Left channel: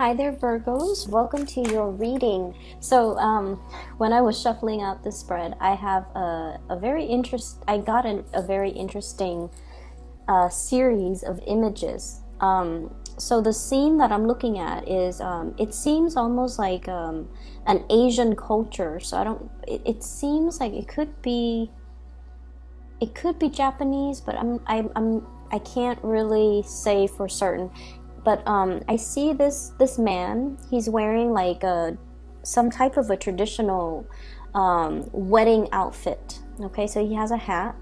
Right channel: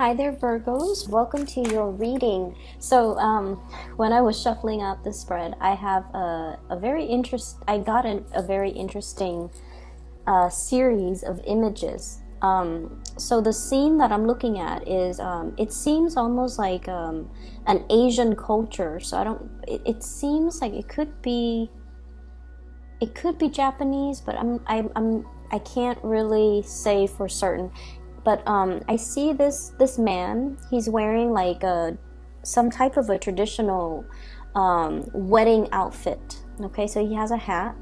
Hi there, Virgos. Welcome to your reading. So, when I was shuffling out the spread, I have I got a very interesting series of images. So the scene that I'm looking at is, it seems almost like an Asian culture. So it seems like it could be Japanese, but I can't really say for certain. But I see this man. He's wearing like some type of a traditional wedding outfit. Okay, so he has a hat,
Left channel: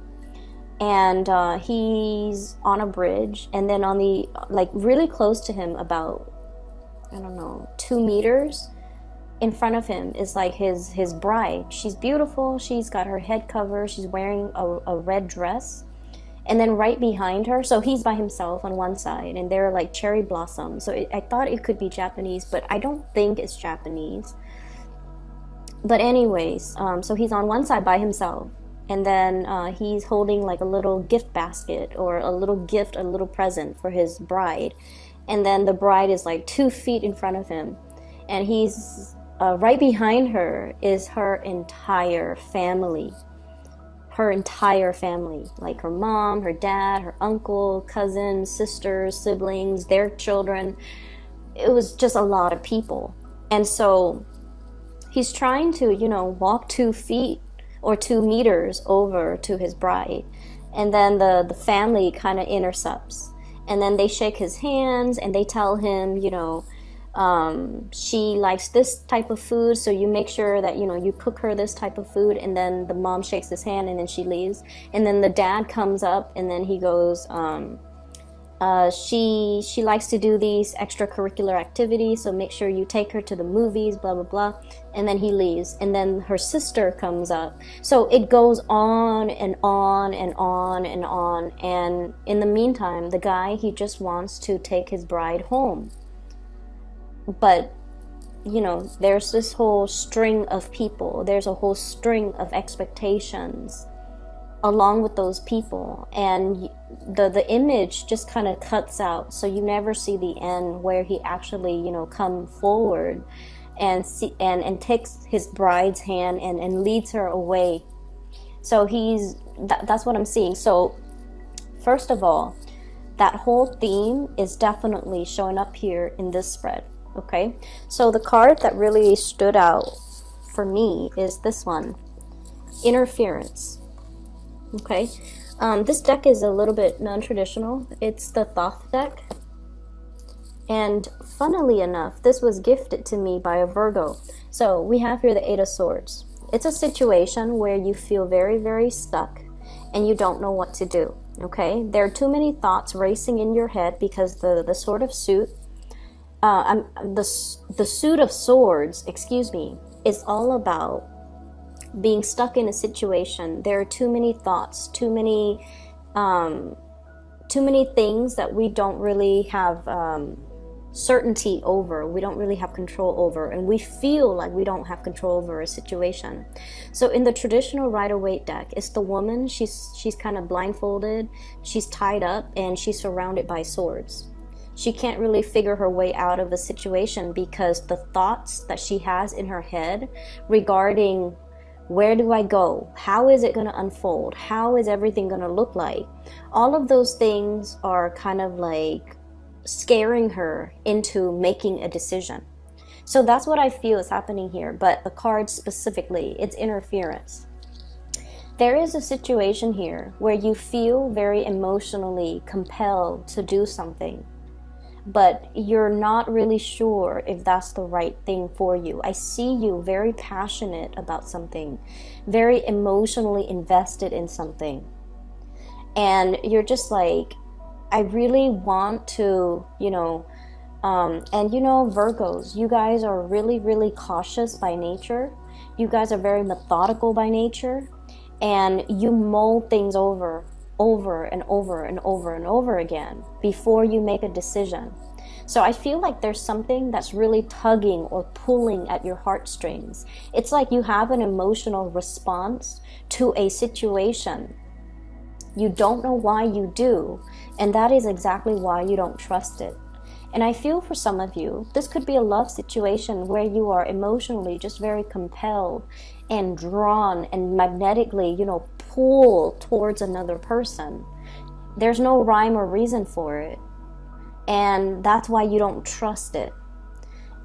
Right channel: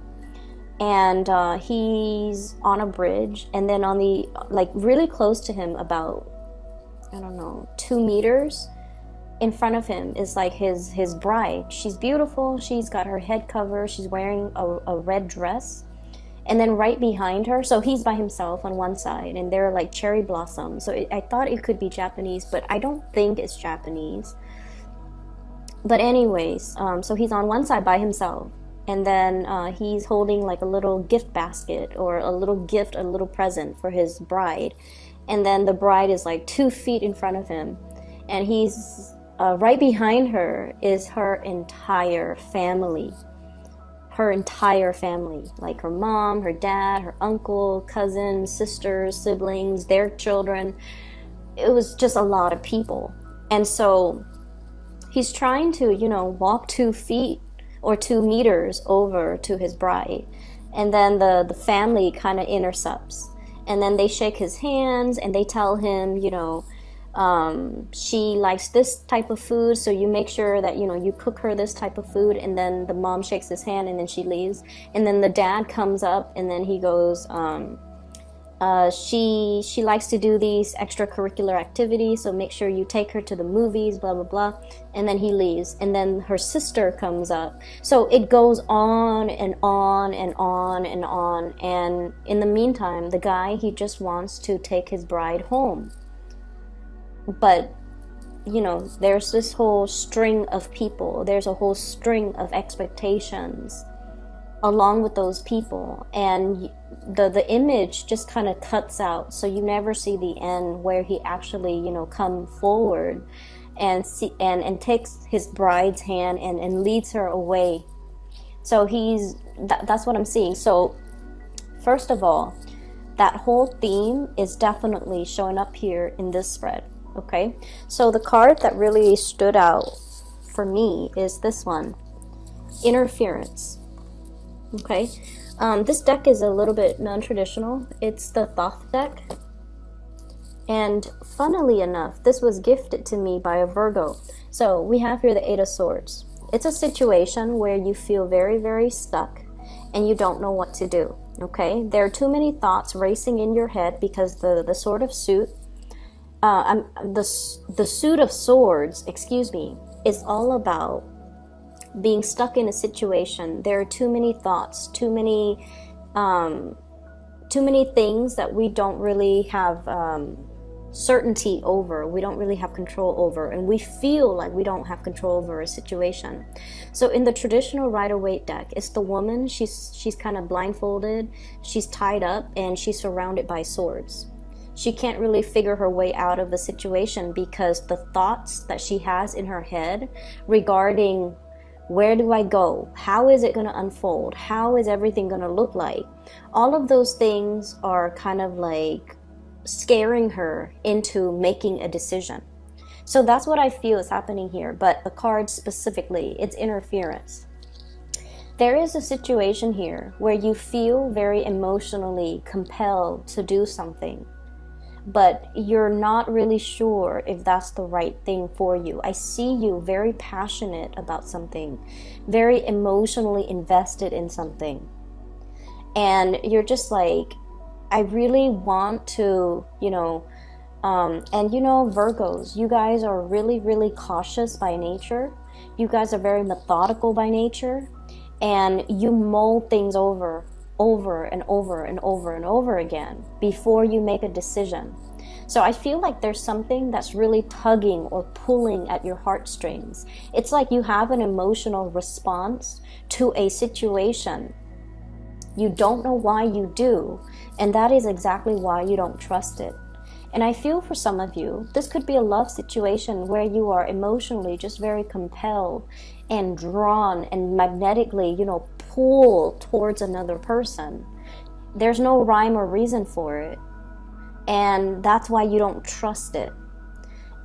and he's on a bridge, and then on the really close to him, about 2 meters in front of him, is like his bride. She's beautiful. She's got her head covered. She's wearing a red dress. And then right behind her, so he's by himself on one side, and they're like cherry blossoms. So I thought it could be Japanese, but I don't think it's Japanese. But anyways, so he's on one side by himself, and then he's holding like a little gift basket or a little gift, a little present for his bride. And then the bride is like 2 feet in front of him, and he's right behind her is her entire family. Like her mom, her dad, her uncle, cousins, sisters, siblings, their children. It was just a lot of people. And so he's trying to, walk 2 feet or 2 meters over to his bride. And then the family kind of intercepts. And then they shake his hands and they tell him, she likes this type of food, so you make sure that you cook her this type of food. And then the mom shakes his hand and then she leaves. And then the dad comes up and then he goes, she likes to do these extracurricular activities, so make sure you take her to the movies, blah blah blah. And then he leaves, and then her sister comes up. So it goes on and on and on and on. And in the meantime, the guy, he just wants to take his bride home. But, there's this whole string of people. There's a whole string of expectations along with those people. And the image just kind of cuts out. So you never see the end where he actually, come forward and takes his bride's hand and leads her away. So that's what I'm seeing. So first of all, that whole theme is definitely showing up here in this spread. Okay, so the card that really stood out for me is this one, Interference. Okay, this deck is a little bit non-traditional. It's the Thoth deck. And funnily enough, this was gifted to me by a Virgo. So we have here the Eight of Swords. It's a situation where you feel very, very stuck and you don't know what to do. Okay, there are too many thoughts racing in your head because the Sword of Suit, the Suit of Swords, is all about being stuck in a situation. There are too many thoughts, too many things that we don't really have certainty over. We don't really have control over, and we feel like we don't have control over a situation. So in the traditional Rider-Waite deck, it's the woman. She's kind of blindfolded, she's tied up, and she's surrounded by swords. She can't really figure her way out of the situation because the thoughts that she has in her head regarding where do I go? How is it going to unfold? How is everything going to look like? All of those things are kind of like scaring her into making a decision. So that's what I feel is happening here. But the card specifically, it's interference. There is a situation here where you feel very emotionally compelled to do something, but you're not really sure if that's the right thing for you. I see you very passionate about something, very emotionally invested in something. And you're just like, I really want to, Virgos, you guys are really, really cautious by nature. You guys are very methodical by nature, and you mull things over and over and over and over again before you make a decision. So I feel like there's something that's really tugging or pulling at your heartstrings. It's like you have an emotional response to a situation. You don't know why you do, and that is exactly why you don't trust it. And I feel for some of you, this could be a love situation where you are emotionally just very compelled and drawn and magnetically, pulled towards another person. There's no rhyme or reason for it. And that's why you don't trust it.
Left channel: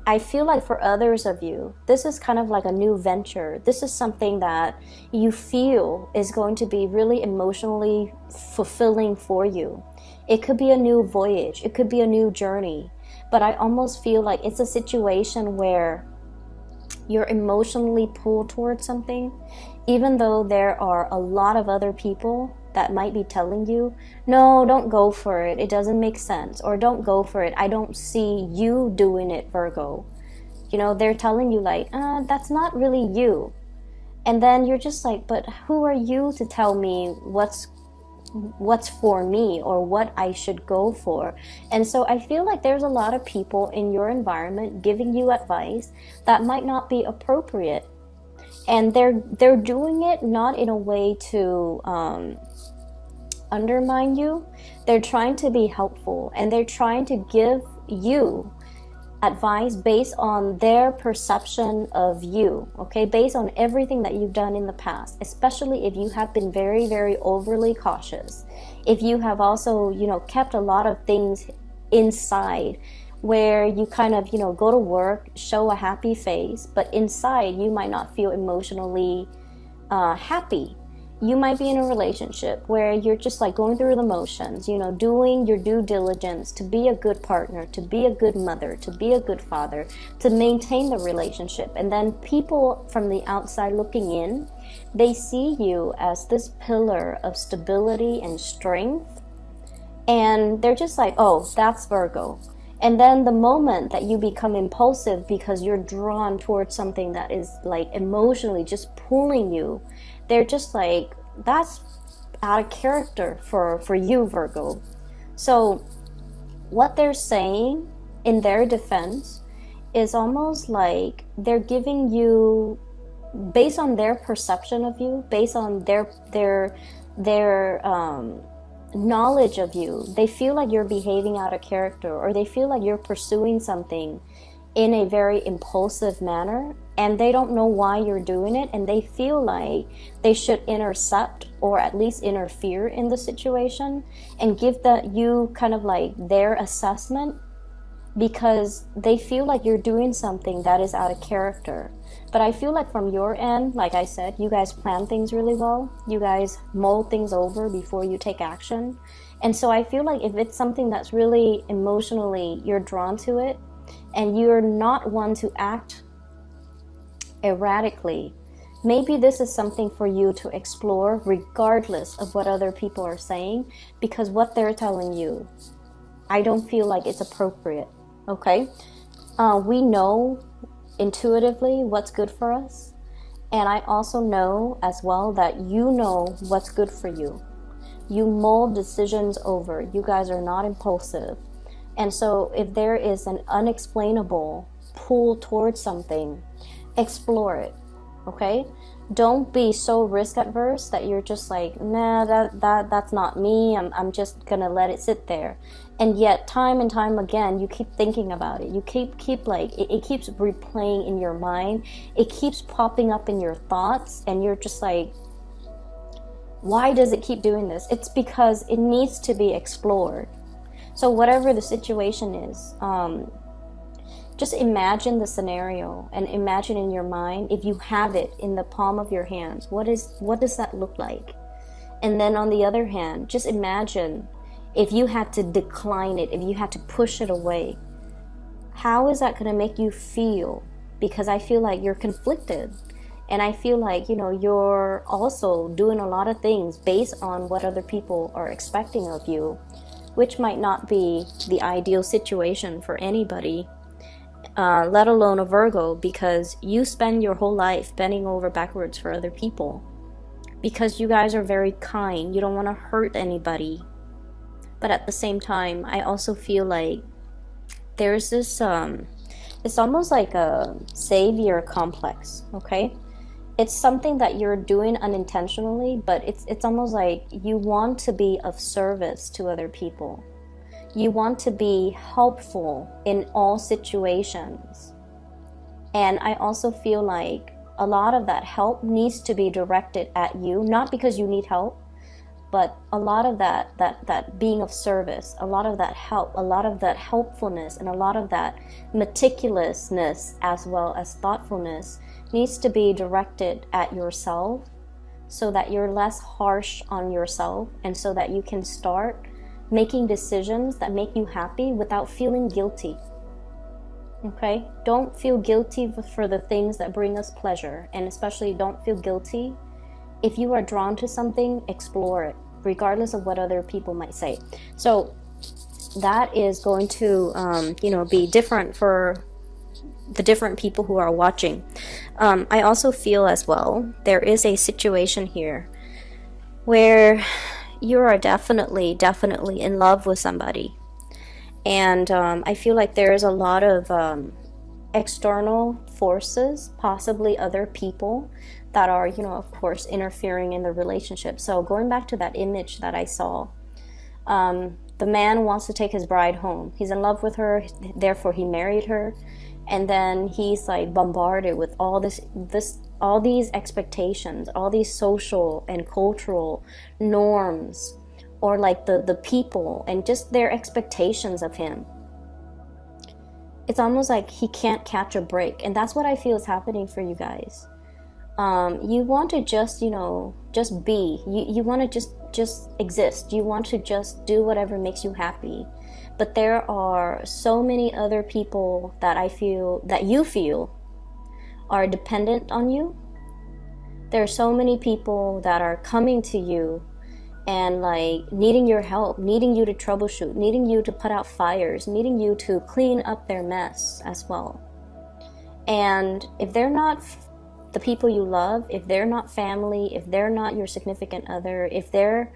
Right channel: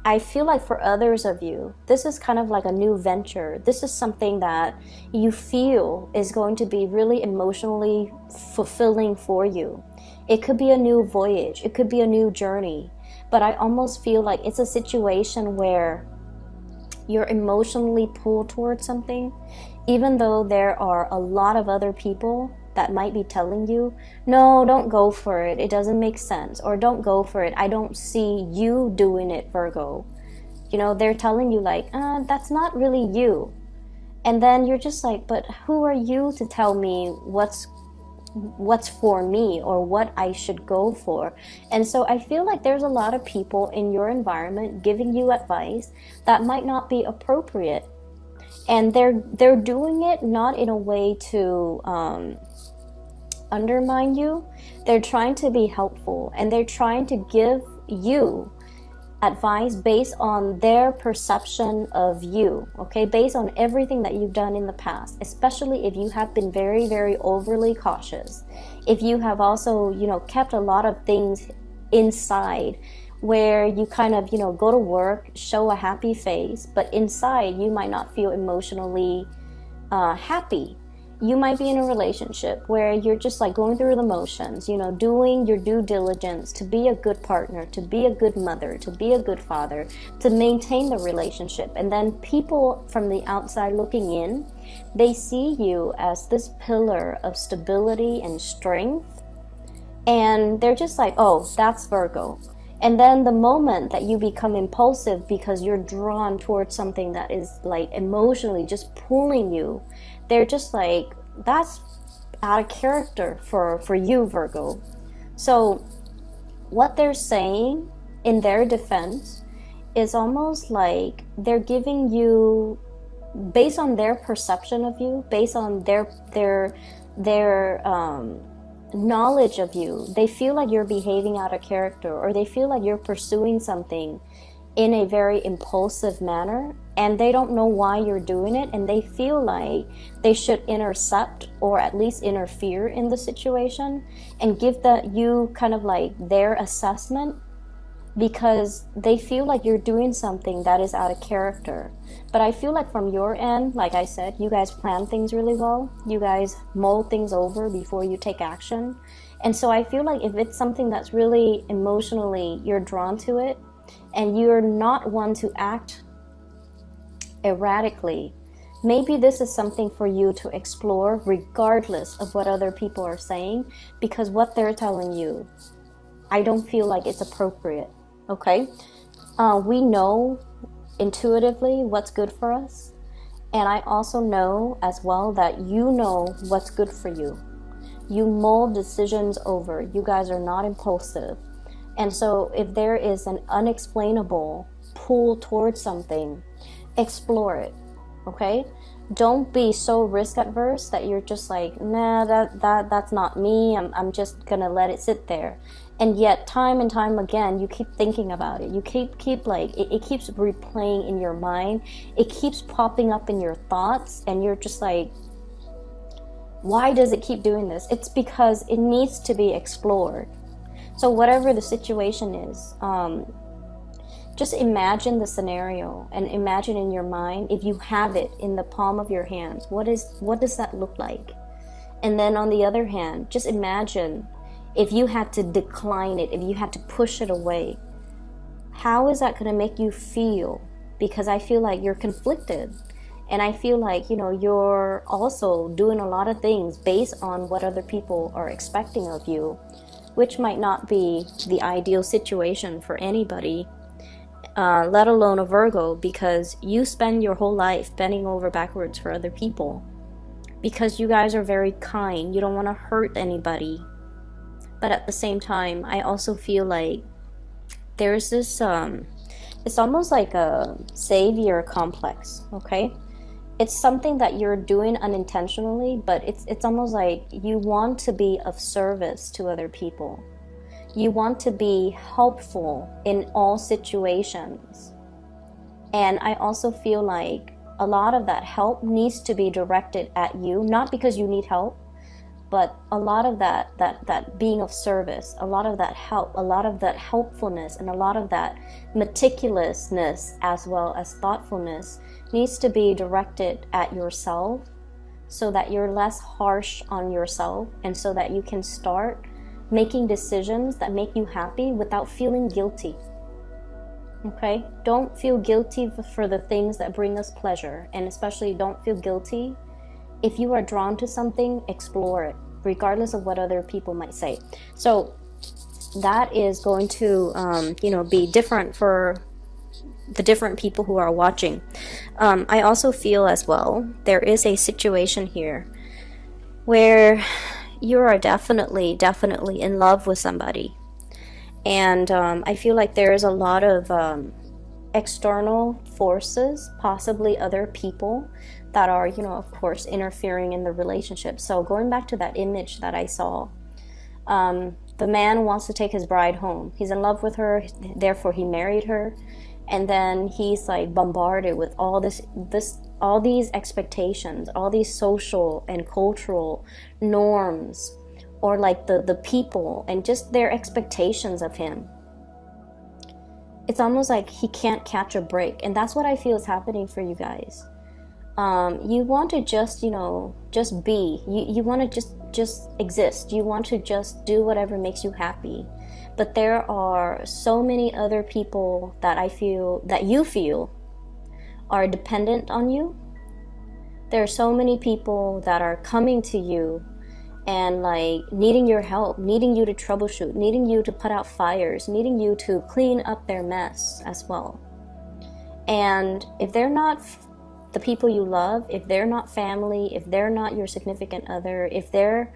I feel like for others of you, this is kind of like a new venture. This is something that you feel is going to be really emotionally fulfilling for you. It could be a new voyage. It could be a new journey. But I almost feel like it's a situation where you're emotionally pulled towards something, even though there are a lot of other people that might be telling you, no, don't go for it, it doesn't make sense, or don't go for it, I don't see you doing it, Virgo. They're telling you like, that's not really you. And then you're just like, but who are you to tell me what's for me or what I should go for? And so I feel like there's a lot of people in your environment giving you advice that might not be appropriate. And they're doing it not in a way to undermine you. They're trying to be helpful, and they're trying to give you advice based on their perception of you, okay? Based on everything that you've done in the past, especially if you have been very, very overly cautious. If you have also, kept a lot of things inside, where you kind of, go to work, show a happy face, but inside you might not feel emotionally happy. You might be in a relationship where you're just like going through the motions, doing your due diligence to be a good partner, to be a good mother, to be a good father, to maintain the relationship. And then people from the outside looking in, they see you as this pillar of stability and strength. And they're just like, oh, that's Virgo. And then the moment that you become impulsive because you're drawn towards something that is like emotionally just pulling you, they're just like, that's out of character for you, Virgo. So what they're saying in their defense is almost like they're giving you, based on their perception of you, based on their knowledge of you, they feel like you're behaving out of character, or they feel like you're pursuing something in a very impulsive manner, and they don't know why you're doing it, and they feel like they should intercept or at least interfere in the situation and give you kind of like their assessment, because they feel like you're doing something that is out of character. But I feel like from your end, like I said, you guys plan things really well. You guys mull things over before you take action. And so I feel like if it's something that's really emotionally, you're drawn to it, and you're not one to act erratically, maybe this is something for you to explore regardless of what other people are saying, because what they're telling you, I don't feel like it's appropriate, okay? We know intuitively what's good for us, and I also know as well that you know what's good for you. You mull decisions over. You guys are not impulsive. And so if there is an unexplainable pull towards something, explore it, okay? Don't be so risk adverse that you're just like, nah, that's not me. I'm just gonna let it sit there. And yet time and time again, you keep thinking about it. You keep like, it keeps replaying in your mind. It keeps popping up in your thoughts, and you're just like, why does it keep doing this? It's because it needs to be explored. So whatever the situation is, just imagine the scenario and imagine in your mind, if you have it in the palm of your hands, what does that look like? And then on the other hand, just imagine if you had to decline it, if you had to push it away, how is that going to make you feel? Because I feel like you're conflicted. And I feel like, you're also doing a lot of things based on what other people are expecting of you, which might not be the ideal situation for anybody, let alone a Virgo, because you spend your whole life bending over backwards for other people because you guys are very kind. You don't want to hurt anybody. But at the same time, I also feel like there's this, it's almost like a savior complex, okay? It's something that you're doing unintentionally, but it's almost like you want to be of service to other people. You want to be helpful in all situations. And I also feel like a lot of that help needs to be directed at you, not because you need help, but a lot of that being of service, a lot of that help, a lot of that helpfulness, and a lot of that meticulousness as well as thoughtfulness needs to be directed at yourself, so that you're less harsh on yourself, and so that you can start making decisions that make you happy without feeling guilty. Okay? Don't feel guilty for the things that bring us pleasure, and especially don't feel guilty if you are drawn to something. Explore it, regardless of what other people might say. So that is going to, be different for the different people who are watching. I also feel as well, there is a situation here where you are definitely in love with somebody. And I feel like there is a lot of external forces, possibly other people, that are, of course, interfering in the relationship. So going back to that image that I saw, the man wants to take his bride home. He's in love with her, therefore he married her. And then he's like bombarded with all these expectations, all these social and cultural norms, or like the people and just their expectations of him. It's almost like he can't catch a break. And that's what I feel is happening for you guys. You want to just be. You want to just exist. You want to just do whatever makes you happy. But there are so many other people that you feel are dependent on you. There are so many people that are coming to you and like needing your help, needing you to troubleshoot, needing you to put out fires, needing you to clean up their mess as well. And if they're not the people you love, if they're not family, if they're not your significant other, if they're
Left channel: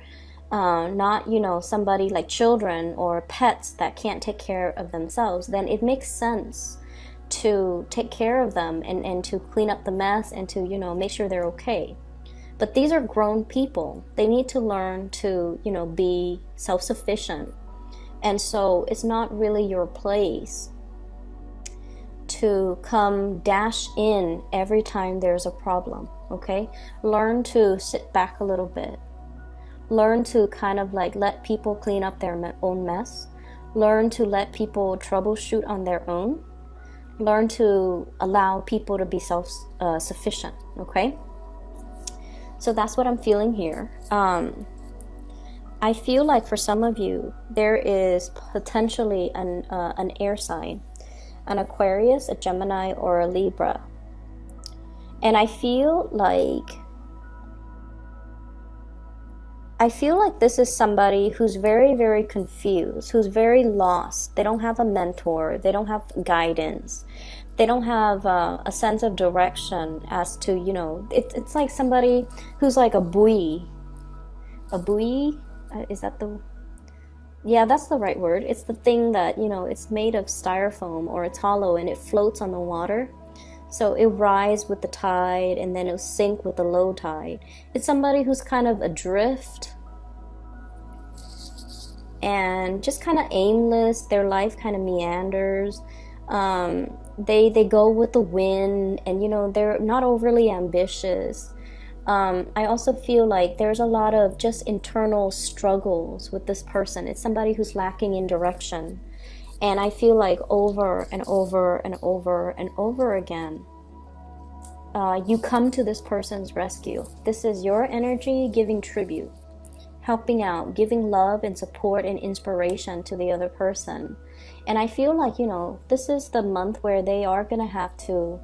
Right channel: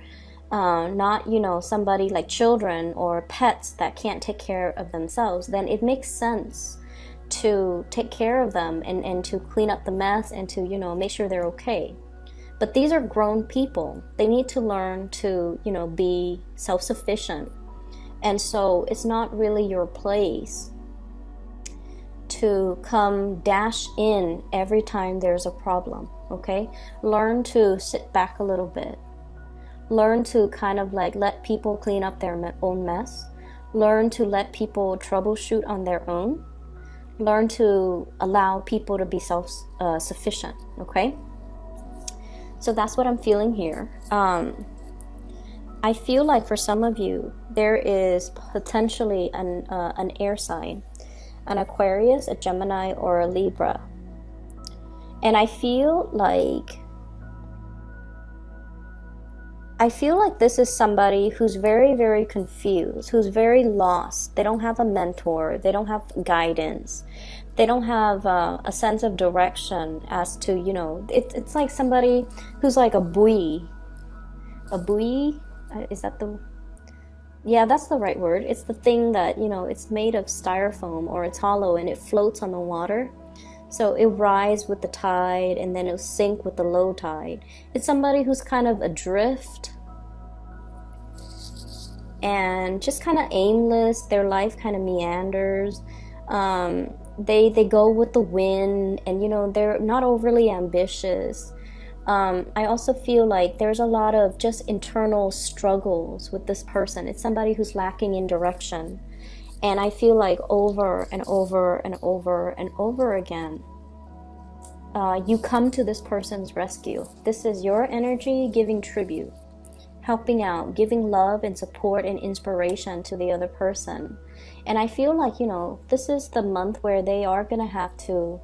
not, somebody like children or pets that can't take care of themselves, then it makes sense to take care of them and to clean up the mess and to, make sure they're okay. But these are grown people. They need to learn to, be self-sufficient. And so it's not really your place to come dash in every time there's a problem, okay? Learn to sit back a little bit. Learn to kind of like let people clean up their own mess. Learn to let people troubleshoot on their own. Learn to allow people to be self-sufficient, okay? So that's what I'm feeling here. I feel like for some of you, there is potentially an air sign, an Aquarius, a Gemini, or a Libra. And I feel like this is somebody who's very, very confused, who's very lost. They don't have a mentor. They don't have guidance. They don't have a sense of direction as to, it's like somebody who's like a buoy. A buoy? Is that the... Yeah, that's the right word. It's the thing that, it's made of styrofoam or it's hollow and it floats on the water. So it rises with the tide and then it'll sink with the low tide. It's somebody who's kind of adrift and just kind of aimless. Their life kind of meanders. They go with the wind and, they're not overly ambitious. I also feel like there's a lot of just internal struggles with this person. It's somebody who's lacking in direction. And I feel like over and over and over and over again, you come to this person's rescue. This is your energy giving tribute, helping out, giving love and support and inspiration to the other person. And I feel like, this is the month where they are going to have to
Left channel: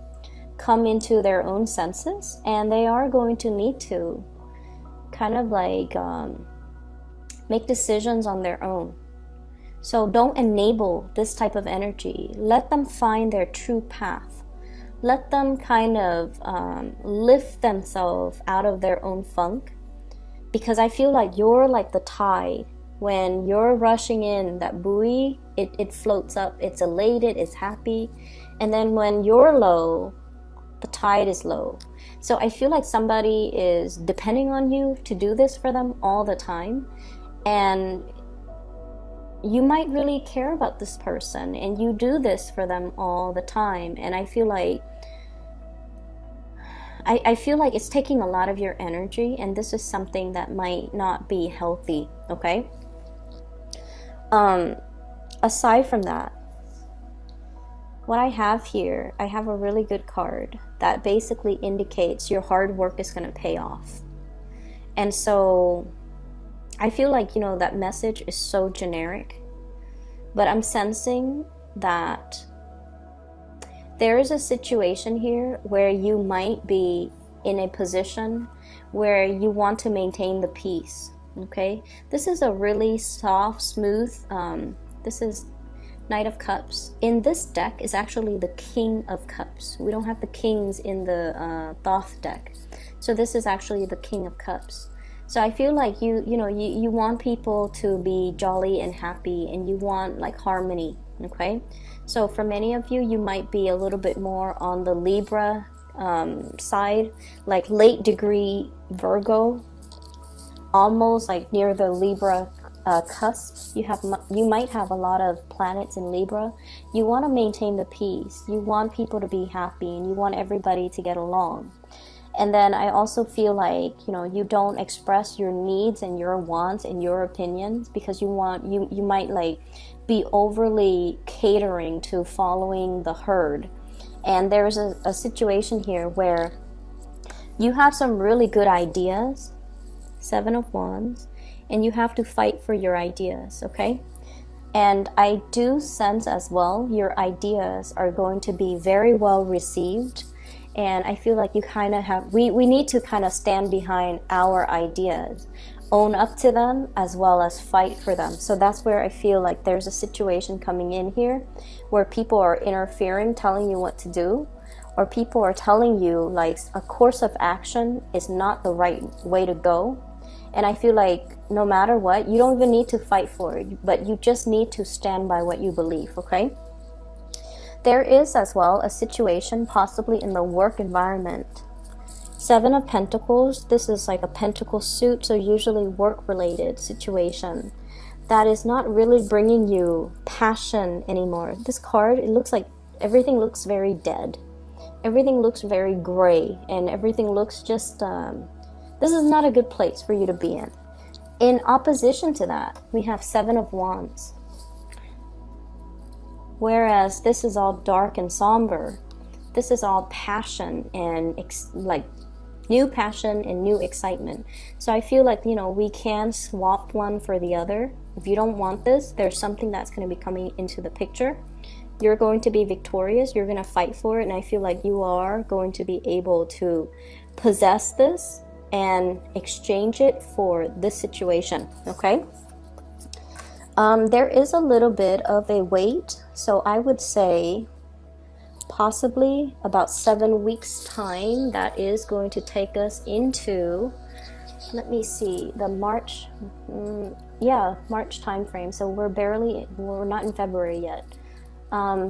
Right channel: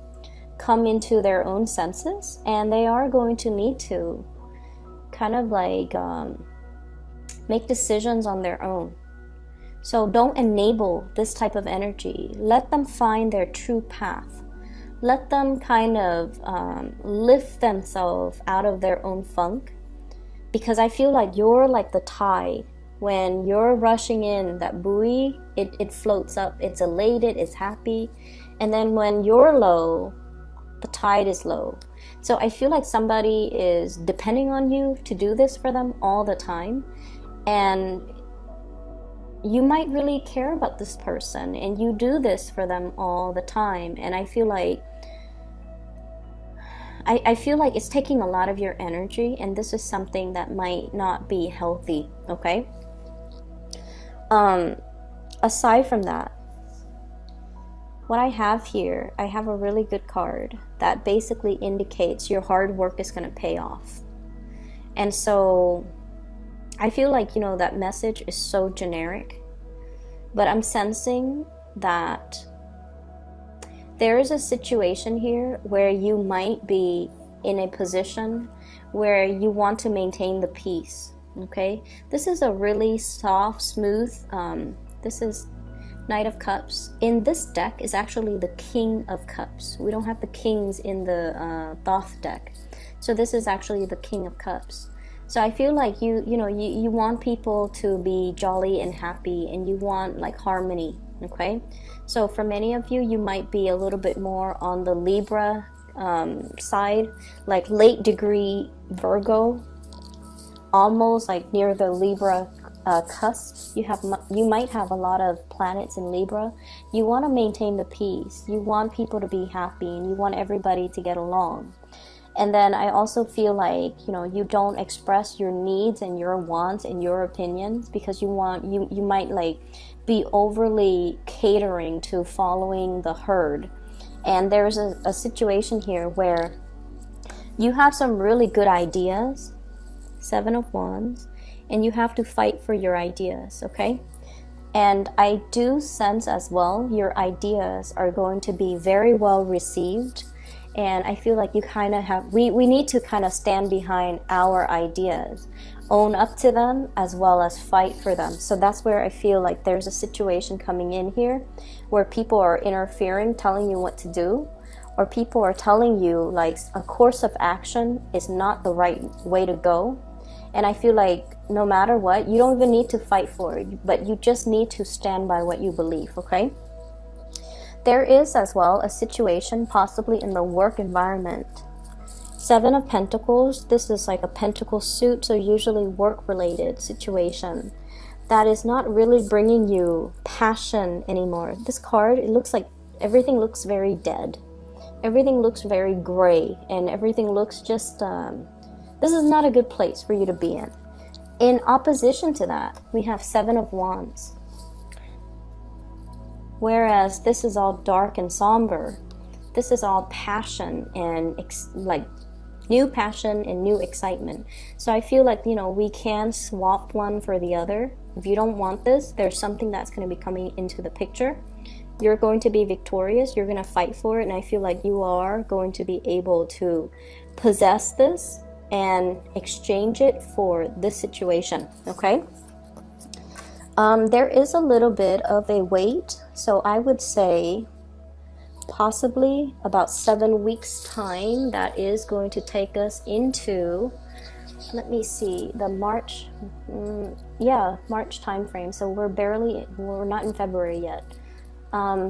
come into their own senses, and they are going to need to kind of like make decisions on their own. So don't enable this type of energy. Let them find their true path. Let them kind of lift themselves out of their own funk, because I feel like you're like the tide. When you're rushing in, that buoy, it floats up, it's elated, it's happy. And then when you're low, the tide is low. So I feel like somebody is depending on you to do this for them all the time. And you might really care about this person, and you do this for them all the time. And I feel like it's taking a lot of your energy, and this is something that might not be healthy, okay? Aside from that, what I have here, I have a really good card that basically indicates your hard work is going to pay off. And so I feel like, that message is so generic, but I'm sensing that there is a situation here where you might be in a position where you want to maintain the peace, okay? This is a really soft, smooth, this is Knight of Cups. In this deck is actually the King of Cups. We don't have the kings in the Thoth deck. So this is actually the King of Cups. So I feel like you want people to be jolly and happy, and you want like harmony, okay? So for many of you, you might be a little bit more on the Libra side, like late degree Virgo, almost like near the Libra cusp. You might have a lot of planets in Libra. You want to maintain the peace. You want people to be happy, and you want everybody to get along. And then I also feel like, you don't express your needs and your wants and your opinions because you might like be overly catering to following the herd. And there's a situation here where you have some really good ideas, 7 of Wands, and you have to fight for your ideas, okay? And I do sense as well your ideas are going to be very well received. And I feel like you kind of have, we need to kind of stand behind our ideas, own up to them, as well as fight for them. So that's where I feel like there's a situation coming in here where people are interfering, telling you what to do, or people are telling you like a course of action is not the right way to go. And I feel like no matter what, you don't even need to fight for it, but you just need to stand by what you believe, okay? There is as well a situation possibly in the work environment. 7 of Pentacles, this is like a pentacle suit, so usually work-related situation that is not really bringing you passion anymore. This card, it looks like everything looks very dead. Everything looks very gray, and everything looks just, this is not a good place for you to be in. In opposition to that, we have 7 of Wands. Whereas this is all dark and somber. This is all passion and like new passion and new excitement. So I feel like, we can swap one for the other. If you don't want this, there's something that's going to be coming into the picture. You're going to be victorious. You're going to fight for it. And I feel like you are going to be able to possess this and exchange it for this situation. Okay? There is a little bit of a wait. So I would say possibly about 7 weeks time. That is going to take us into, let me see, the March time frame. So we're not in February yet.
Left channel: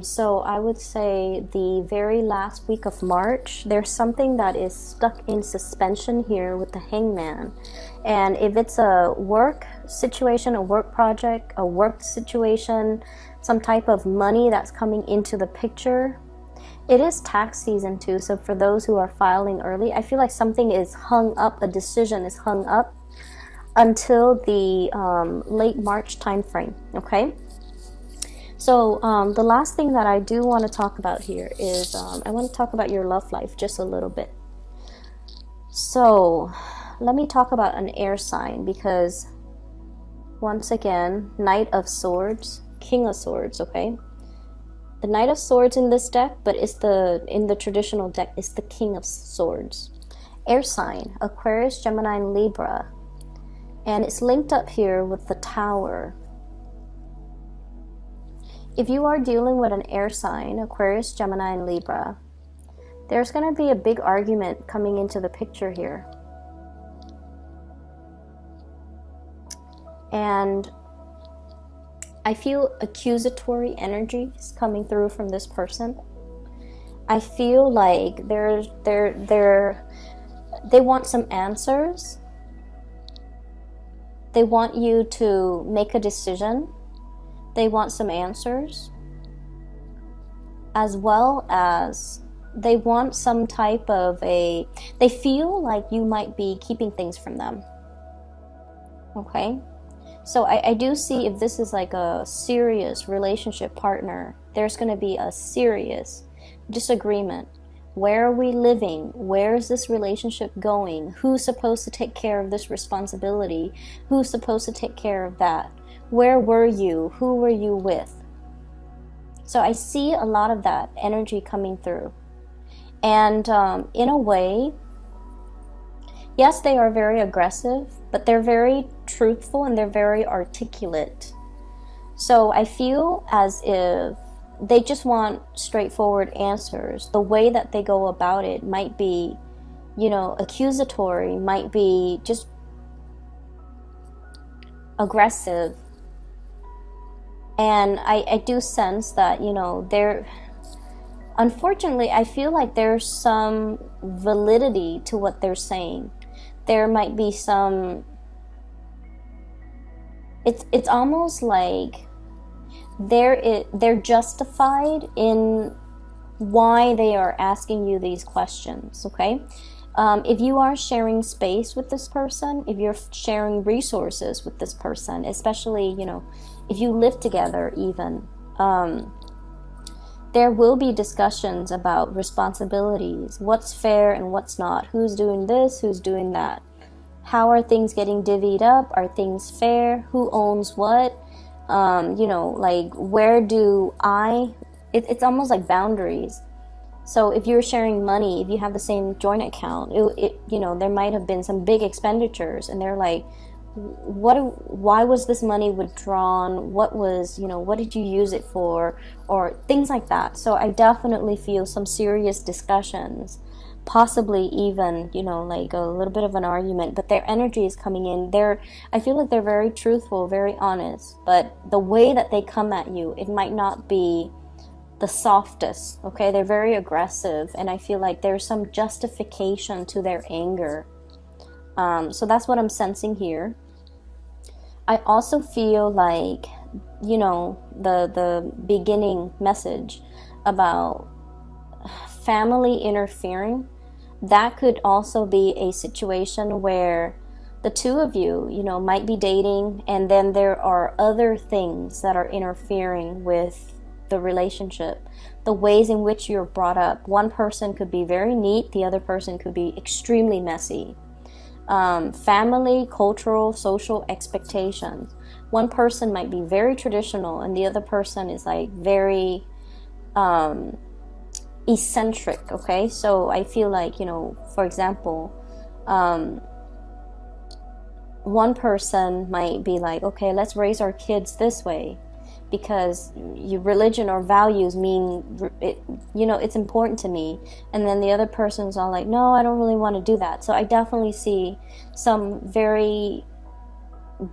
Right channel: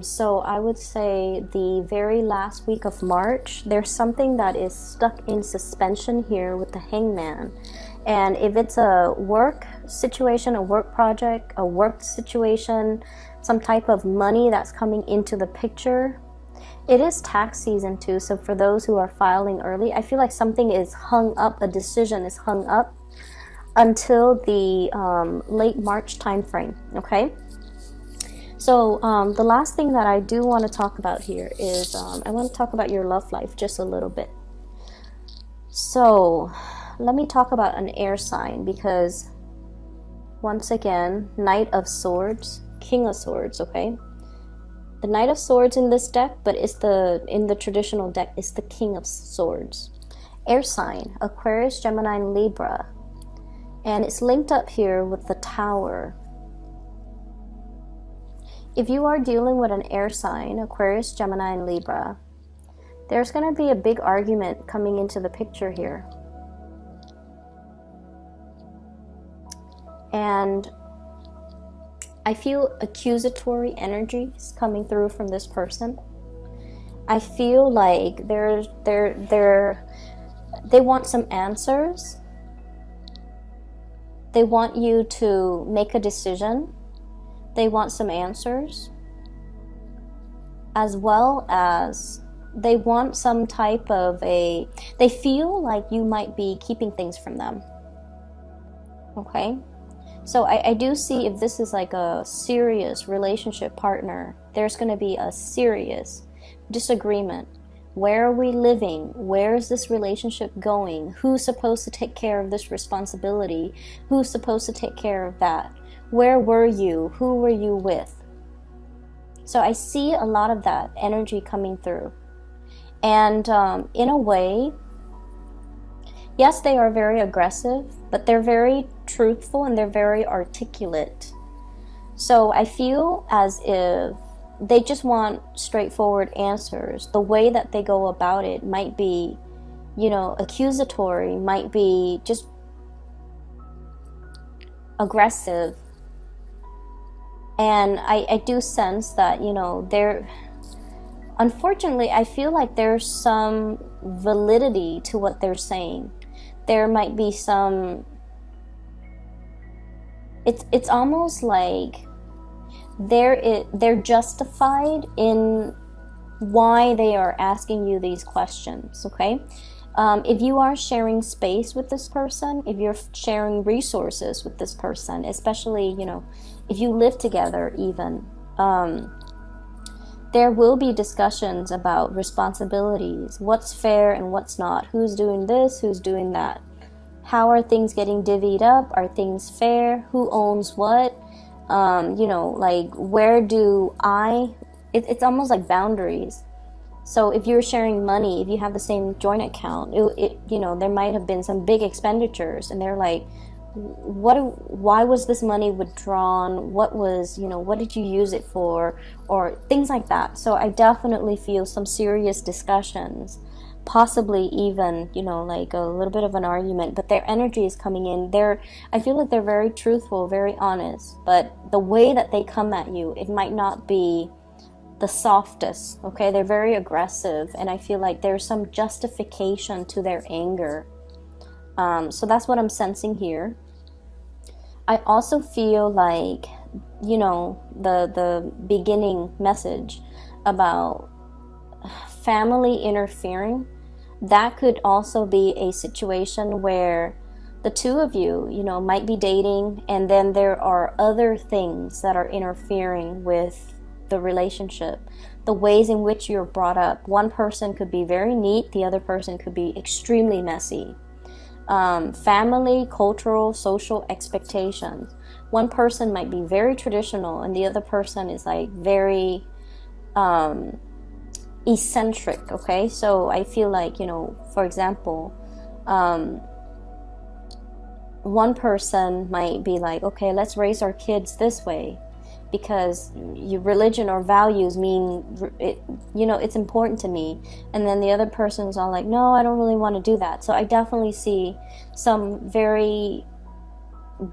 So I would say the very last week of March, there's something that is stuck in suspension here with the Hangman. And if it's a work situation, a work project, a work situation, some type of money that's coming into the picture, it is tax season too. So for those who are filing early, I feel like something is hung up, a decision is hung up until the late March time frame, okay? So the last thing that I do want to talk about here is I want to talk about your love life just a little bit. So let me talk about an air sign, because once again, Knight of Swords, King of Swords, okay? The Knight of Swords in this deck, but in the traditional deck, is the King of Swords. Air sign, Aquarius, Gemini, and Libra. And it's linked up here with the Tower. If you are dealing with an air sign, Aquarius, Gemini, and Libra, there's going to be a big argument coming into the picture here. And I feel accusatory energies coming through from this person. I feel like they want some answers. They want you to make a decision. they want some answers, as well as they want some type of they feel like you might be keeping things from them. Okay? So I do see, if this is like a serious relationship partner, there's going to be a serious disagreement. Where are we living? Where is this relationship going? Who's supposed to take care of this responsibility? Who's supposed to take care of that? Where were you? Who were you with? So I see a lot of that energy coming through. And in a way, yes, they are very aggressive, but they're very truthful and they're very articulate. So I feel as if they just want straightforward answers. The way that they go about it might be, accusatory, might be just aggressive. And I do sense that, they're... Unfortunately, I feel like there's some validity to what they're saying. There might be some... It's almost like they're justified in why they are asking you these questions, okay? If you are sharing space with this person, if you're sharing resources with this person, especially, if you live together even, there will be discussions about responsibilities, what's fair and what's not, who's doing this, who's doing that, how are things getting divvied up, are things fair, who owns what, where do it's almost like boundaries. So if you're sharing money, if you have the same joint account, there might have been some big expenditures, and they're like, why was this money withdrawn? What did you use it for? Or things like that. So I definitely feel some serious discussions, possibly even, like a little bit of an argument, but their energy is coming in. I feel like they're very truthful, very honest, but the way that they come at you, it might not be the softest, okay? They're very aggressive, and I feel like there's some justification to their anger. So that's what I'm sensing here. I also feel like, the beginning message about family interfering, that could also be a situation where the two of you, might be dating, and then there are other things that are interfering with the relationship. The ways in which you're brought up. One person could be very neat, the other person could be extremely messy. Family, cultural, social expectations. One person might be very traditional, and the other person is like very eccentric, okay? So I feel like, for example, one person might be like, okay, let's raise our kids this way because your religion or values mean, it's important to me. And then the other person's all like, no, I don't really want to do that. So I definitely see some very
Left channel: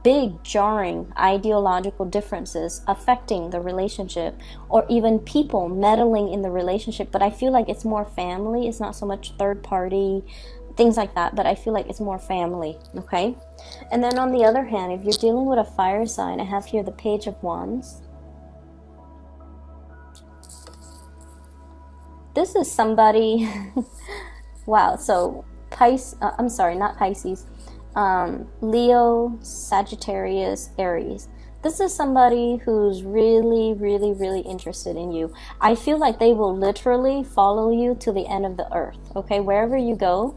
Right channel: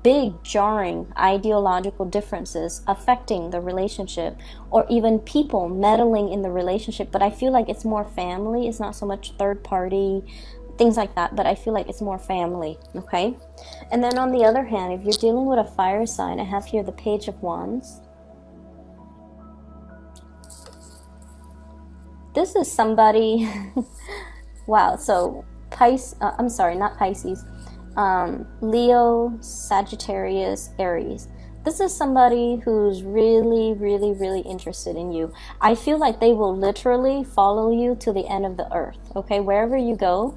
big jarring ideological differences affecting the relationship, or even people meddling in the relationship. But I feel like it's more family. It's not so much third party, things like that, but I feel like it's more family, okay? And then on the other hand, if you're dealing with a fire sign, I have here the Page of Wands. This is somebody, wow, so not Pisces, Leo, Sagittarius, Aries. This is somebody who's really, really, really interested in you. I feel like they will literally follow you to the end of the earth, okay? Wherever you go,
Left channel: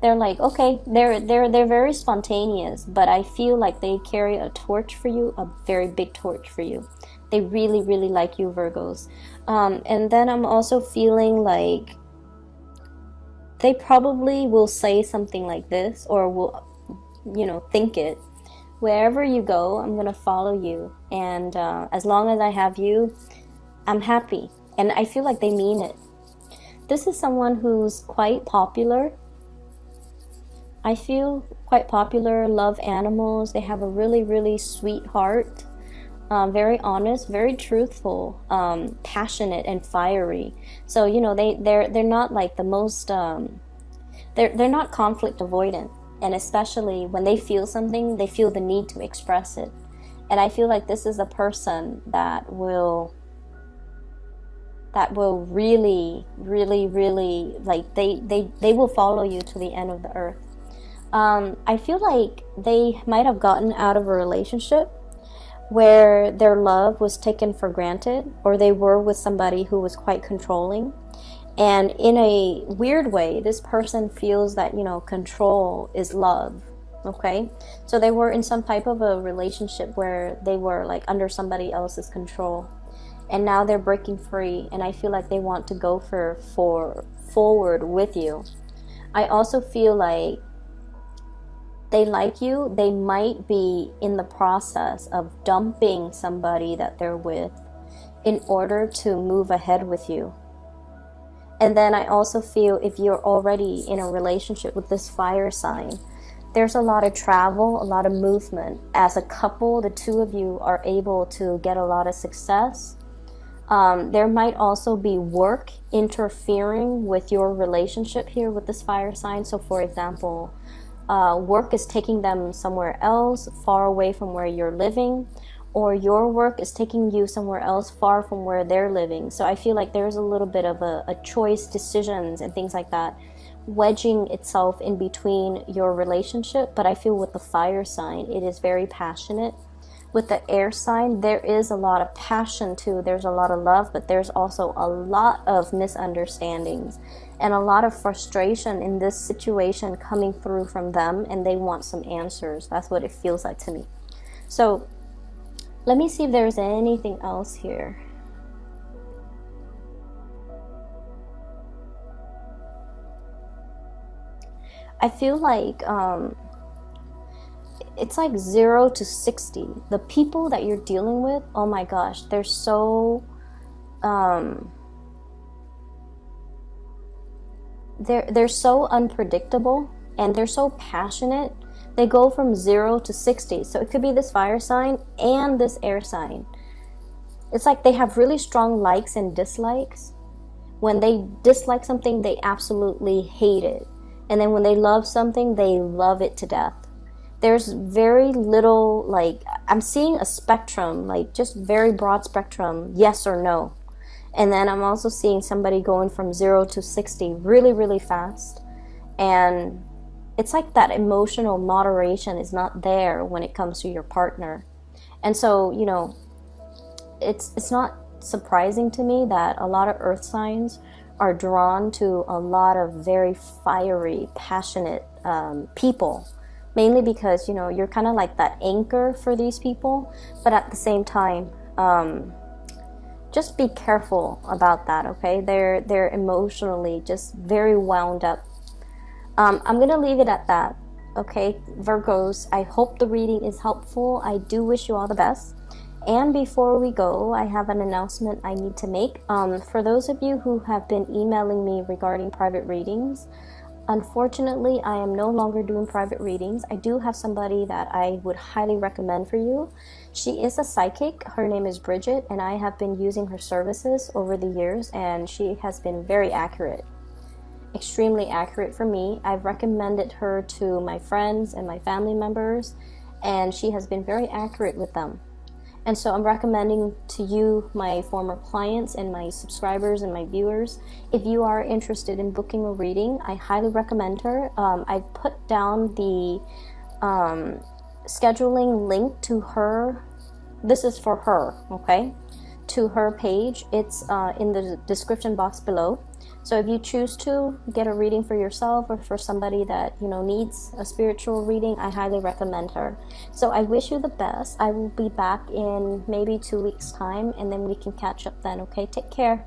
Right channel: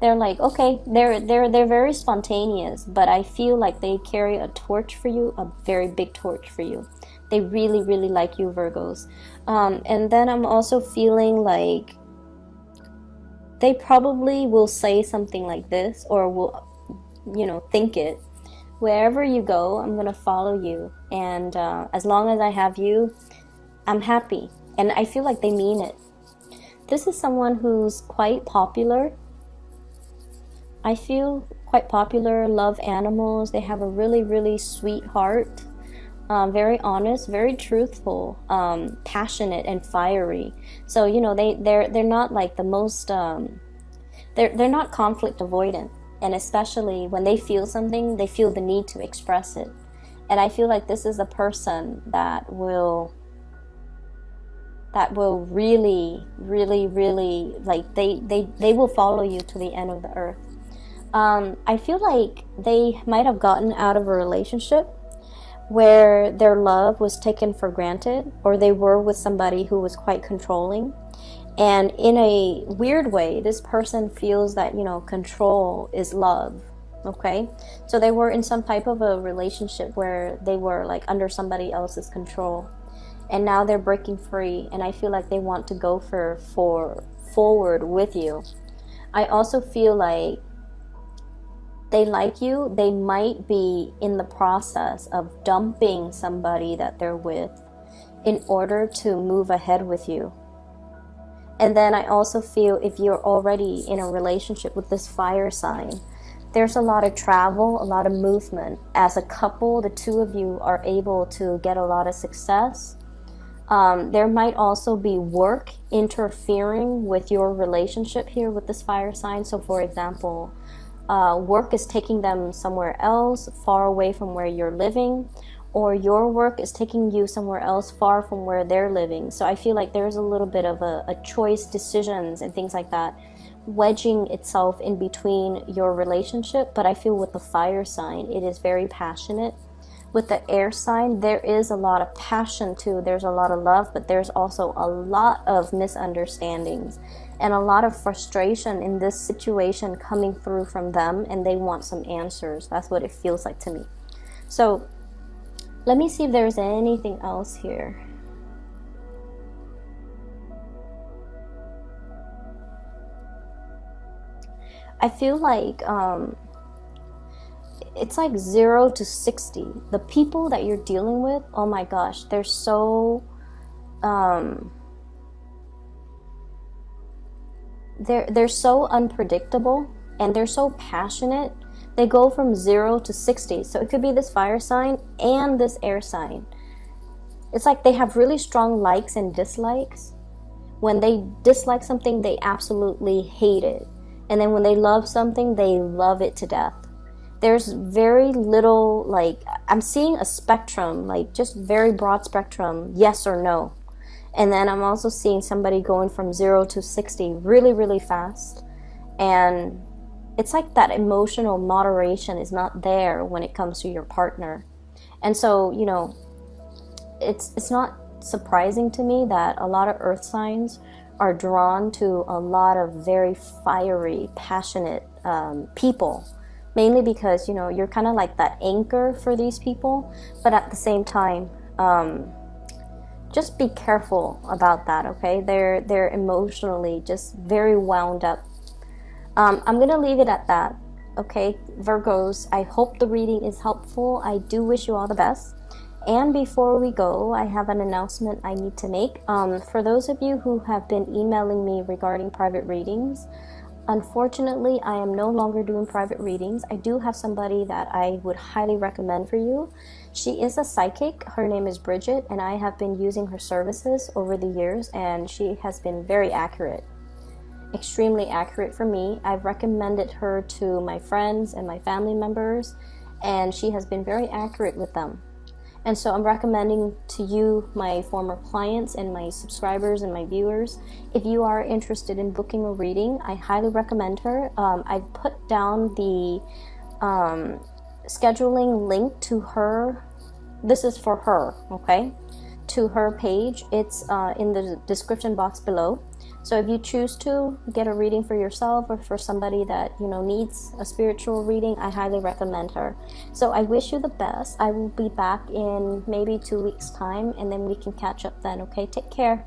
they're like, okay, they're very spontaneous, but I feel like they carry a torch for you, a very big torch for you. They really, really like you, Virgos. And then I'm also feeling like they probably will say something like this, or will, think it. Wherever you go, I'm going to follow you. And as long as I have you, I'm happy. And I feel like they mean it. This is someone who's quite popular. I feel quite popular, love animals. They have a really, really sweet heart. Very honest, very truthful, passionate and fiery. So, they're not like the most, they're not conflict avoidant. And especially when they feel something, they feel the need to express it. And I feel like this is a person that will really, really, really, like, they will follow you to the end of the earth. I feel like they might have gotten out of a relationship where their love was taken for granted, or they were with somebody who was quite controlling. And in a weird way, this person feels that, control is love. Okay? So they were in some type of a relationship where they were like under somebody else's control. And now they're breaking free, and I feel like they want to go for forward with you. I also feel like they like you. They might be in the process of dumping somebody that they're with in order to move ahead with you. And then I also feel if you're already in a relationship with this fire sign, there's a lot of travel, a lot of movement. As a couple, the two of you are able to get a lot of success. There might also be work interfering with your relationship here with this fire sign. So for example, work is taking them somewhere else, far away from where you're living, or your work is taking you somewhere else far from where they're living. So I feel like there's a little bit of a choice, decisions and things like that wedging itself in between your relationship. But I feel with the fire sign, it is very passionate. With the air sign, there is a lot of passion too. There's a lot of love, but there's also a lot of misunderstandings and a lot of frustration in this situation coming through from them, and they want some answers. That's what it feels like to me. So let me see if there's anything else here. I feel like it's like 0 to 60. The people that you're dealing with, oh my gosh, they're so they're so unpredictable, and they're so passionate. They go from 0 to 60. So it could be this fire sign and this air sign. It's like they have really strong likes and dislikes. When they dislike something, they absolutely hate it. And then when they love something, they love it to death. There's very little, like, I'm seeing a spectrum, like just very broad spectrum, yes or no. And then I'm also seeing somebody going from 0 to 60 really, really fast. And it's like that emotional moderation is not there when it comes to your partner. And so, it's not surprising to me that a lot of earth signs are drawn to a lot of very fiery, passionate people. Mainly because, you're kind of like that anchor for these people. But at the same time, just be careful about that, okay? They're emotionally just very wound up. I'm going to leave it at that, okay? Virgos, I hope the reading is helpful. I do wish you all the best. And before we go, I have an announcement I need to make. For those of you who have been emailing me regarding private readings, unfortunately, I am no longer doing private readings. I do have somebody that I would highly recommend for you. She is a psychic. Her name is Bridget, and I have been using her services over the years, and she has been very accurate. Extremely accurate for me. I've recommended her to my friends and my family members, and she has been very accurate with them. And so I'm recommending to you, my former clients and my subscribers and my viewers, if you are interested in booking a reading, I highly recommend her. I put down the scheduling link to her. This is for her, okay? To her page. It's in the description box below. So if you choose to get a reading for yourself or for somebody that needs a spiritual reading, I highly recommend her. So I wish you the best. I will be back in maybe 2 weeks' time, and then we can catch up then, okay? Take care.